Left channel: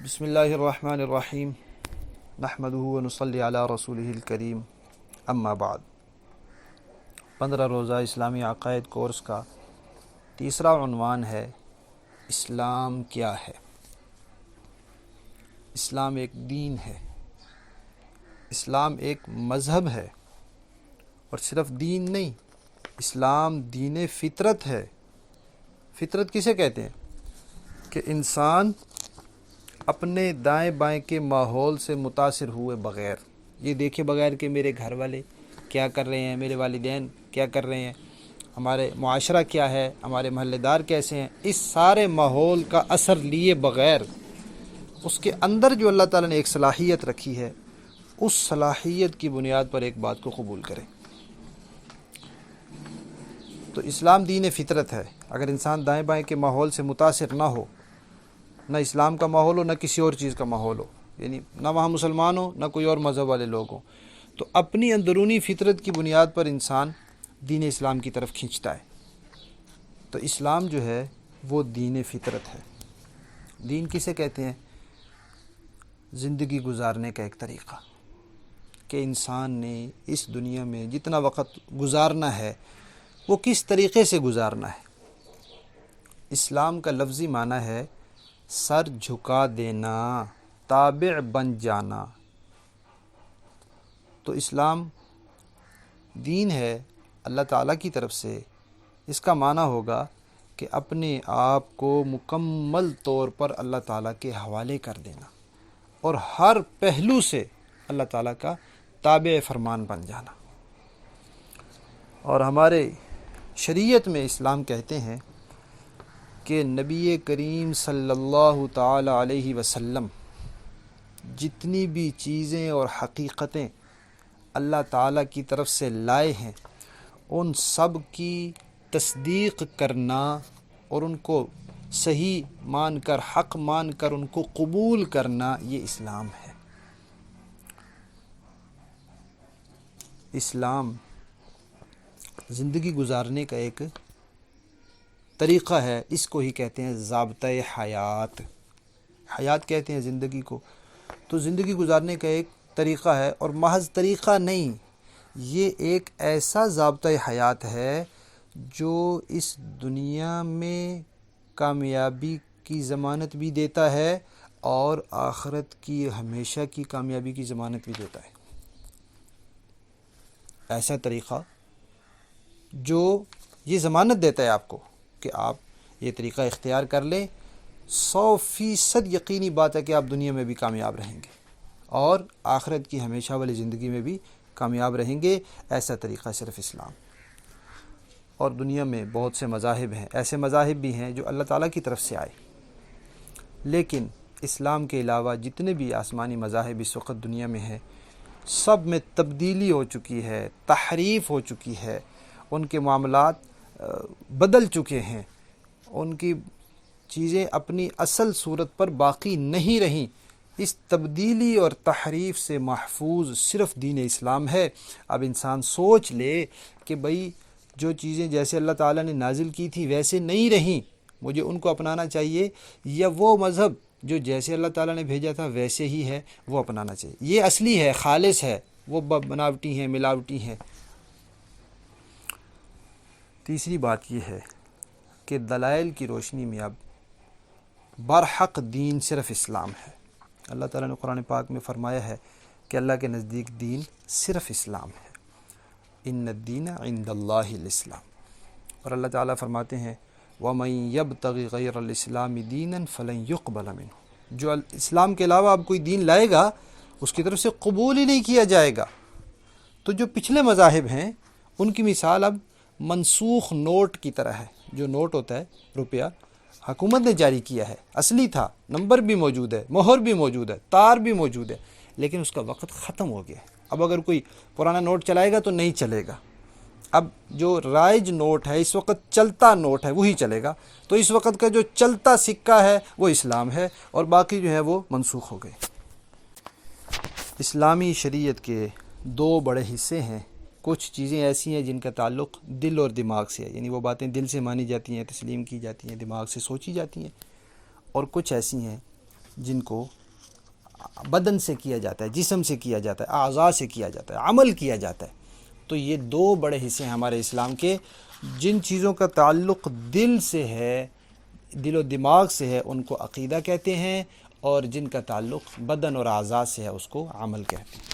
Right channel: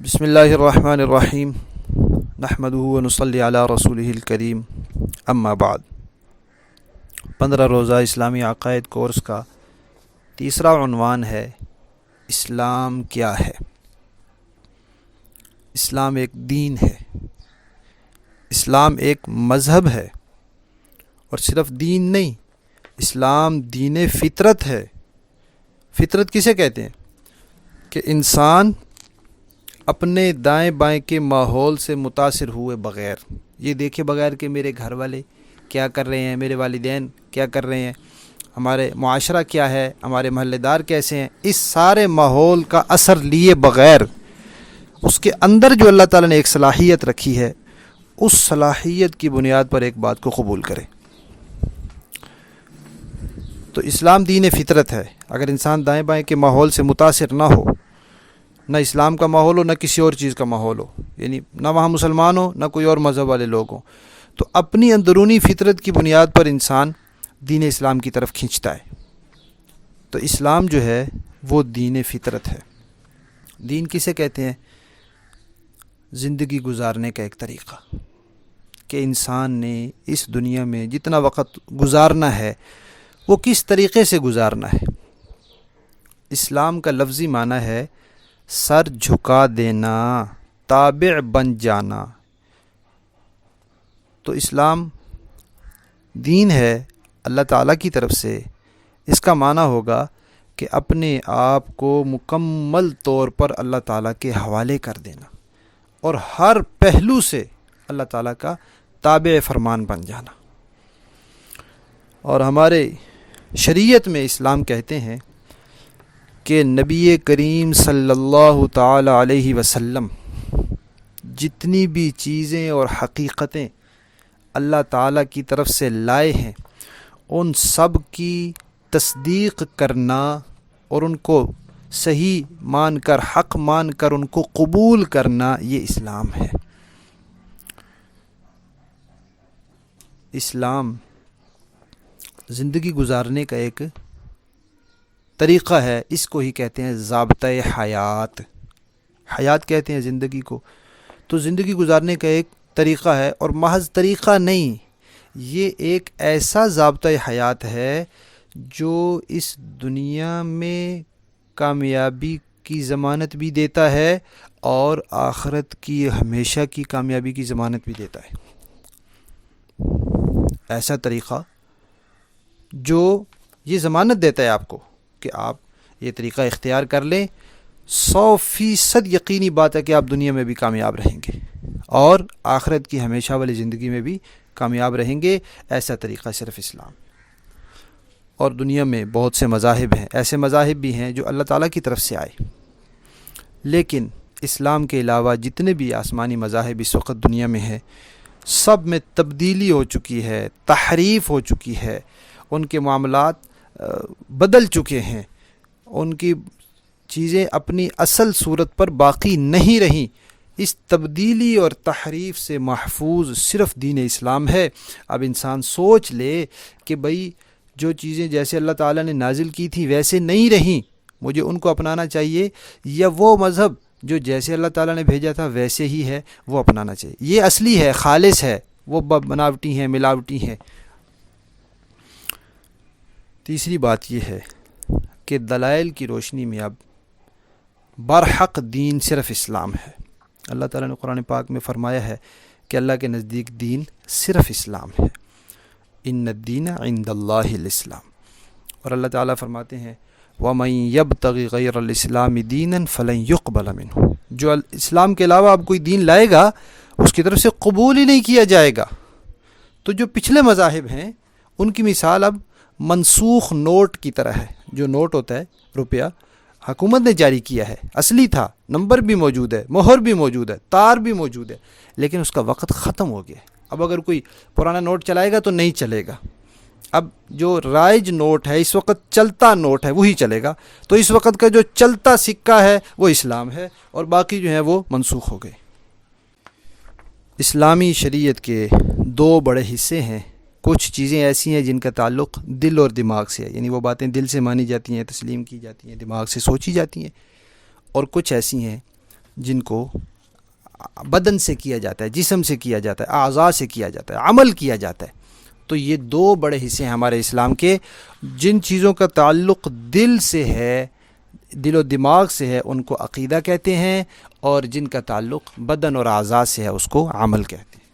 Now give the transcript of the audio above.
بسم اللہ الرحمن الرحیم نحمدہ ونصلی علی رسولہ الکریم اما بعد 15 روزہ اسلامی عقائد کورس کا تیسرا عنوان ہے اسلام کیا ہے۔ اسلام ایک دین ہے، اسلام ایک مذہب ہے، اور صرف دین نہیں، اسلام دین فطرت ہے۔ فطرت کسے کہتے ہیں؟ کہ انسان اپنے دائیں بائیں کے ماحول سے متاثر ہوئے بغیر، یہ دیکھے بغیر کہ میرے گھر والے کیا کر رہے ہیں، میرے والدین کیا کر رہے ہیں، ہمارے معاشرہ کیا ہے، ہمارے محلے دار کیسے ہیں، اس سارے ماحول کا اثر لیے بغیر اس کے اندر جو اللہ تعالیٰ نے ایک صلاحیت رکھی ہے، اس صلاحیت کی بنیاد پر ایک بات کو قبول کرے۔ تو اسلام دین فطرت ہے۔ اگر انسان دائیں بائیں کے ماحول سے متاثر نہ ہو، نہ اسلام کا ماحول ہو نہ کسی اور چیز کا ماحول ہو، یعنی نہ وہاں مسلمان ہو نہ کوئی اور مذہب والے لوگ ہوں، تو اپنی اندرونی فطرت کی بنیاد پر انسان دین اسلام کی طرف کھینچتا ہے۔ تو اسلام جو ہے وہ دین فطرت ہے۔ دین کسے کہتے ہیں؟ زندگی گزارنے کا ایک طریقہ، کہ انسان نے اس دنیا میں جتنا وقت گزارنا ہے وہ کس طریقے سے گزارنا ہے۔ اسلام کا لفظی معنی ہے سر جھکا دینا، تابع بن جانا۔ تو اسلام دین ہے اللہ تعالیٰ کی طرف سے۔ اس کا معنی ہوگا کہ اپنے آپ کو مکمل طور پر اللہ تعالیٰ کے حوالے کر دینا، اور ہر پہلو سے اللہ تعالیٰ کا تابع فرمان بن جانا۔ اور ہمارے شریعت میں اسلام کہتے ہیں کہ نبی کریم صلی اللہ تعالی علیہ وسلم جتنی بھی چیزیں اور حقیقتیں اللہ تعالیٰ کی طرف سے لائے ہیں، ان سب کی تصدیق کرنا اور ان کو صحیح مان کر، حق مان کر ان کو قبول کرنا، یہ اسلام ہے۔ اسلام زندگی گزارنے کا ایک طریقہ ہے، اس کو ہی کہتے ہیں ضابطۂ حیات۔ حیات کہتے ہیں زندگی کو۔ تو زندگی گزارنے کا ایک طریقہ ہے، اور محض طریقہ نہیں، یہ ایک ایسا ضابطۂ حیات ہے جو اس دنیا میں کامیابی کی ضمانت بھی دیتا ہے اور آخرت کی ہمیشہ کی کامیابی کی ضمانت بھی دیتا ہے۔ ایسا طریقہ جو یہ ضمانت دیتا ہے آپ کو کہ آپ یہ طریقہ اختیار کر لیں، 100% یقینی بات ہے کہ آپ دنیا میں بھی کامیاب رہیں گے اور آخرت کی ہمیشہ والی زندگی میں بھی کامیاب رہیں گے۔ ایسا طریقہ صرف اسلام۔ اور دنیا میں بہت سے مذاہب ہیں، ایسے مذاہب بھی ہیں جو اللہ تعالیٰ کی طرف سے آئے، لیکن اسلام کے علاوہ جتنے بھی آسمانی مذاہب اس وقت دنیا میں ہیں، سب میں تبدیلی ہو چکی ہے، تحریف ہو چکی ہے، ان کے معاملات بدل چکے ہیں، ان کی چیزیں اپنی اصل صورت پر باقی نہیں رہیں۔ اس تبدیلی اور تحریف سے محفوظ صرف دین اسلام ہے۔ اب انسان سوچ لے کہ بھئی جو چیزیں جیسے اللہ تعالیٰ نے نازل کی تھی ویسے نہیں رہیں، مجھے ان کو اپنانا چاہیے، یا وہ مذہب جو جیسے اللہ تعالیٰ نے بھیجا تھا ویسے ہی ہے وہ اپنانا چاہیے۔ یہ اصلی ہے، خالص ہے، وہ بناوٹی ہیں، ملاوٹی ہیں۔ تیسری بات یہ ہے کہ دلائل کی روشنی میں اب برحق دین صرف اسلام ہے۔ اللہ تعالیٰ نے قرآن پاک میں فرمایا ہے کہ اللہ کے نزدیک دین صرف اسلام ہے۔ ان الدین عند اللہ الاسلام۔ اور اللہ تعالیٰ فرماتے ہیں وَمَن يَبْتَغِ غَيْرَ الْإِسْلَامِ دِينًا فَلَن يُقْبَلَ مِنْهُ۔ جو اسلام کے علاوہ اب کوئی دین لائے گا اس کی طرف سے قبول ہی نہیں کیا جائے گا۔ تو جو پچھلے مذاہب ہیں ان کی مثال اب منسوخ نوٹ کی طرح ہے۔ جو نوٹ ہوتا ہے روپیہ، حکومت نے جاری کیا ہے، اصلی تھا، نمبر بھی موجود ہے، مہر بھی موجود ہے، تار بھی موجود ہے، لیکن اس کا وقت ختم ہو گیا۔ اب اگر کوئی پرانا نوٹ چلائے گا تو نہیں چلے گا۔ اب جو رائج نوٹ ہے، اس وقت چلتا نوٹ ہے، وہی چلے گا۔ تو اس وقت کا جو چلتا سکہ ہے وہ اسلام ہے، اور باقی جو ہیں وہ منسوخ ہو گئے۔ اسلامی شریعت کے 2 بڑے حصے ہیں۔ کچھ چیزیں ایسی ہیں جن کا تعلق دل اور دماغ سے ہے، یعنی وہ باتیں دل سے مانی جاتی ہیں، تسلیم کی جاتی ہیں، دماغ سے سوچی جاتی ہیں، اور کچھ ایسی ہیں جن کو بدن سے کیا جاتا ہے، جسم سے کیا جاتا ہے، اعضاء سے کیا جاتا ہے، عمل کیا جاتا ہے. تو یہ دو بڑے حصے ہیں ہمارے اسلام کے. جن چیزوں کا تعلق دل سے ہے، دل و دماغ سے ہے، ان کو عقیدہ کہتے ہیں، اور جن کا تعلق بدن اور اعضاء سے ہے اس کو عمل کہتے ہیں.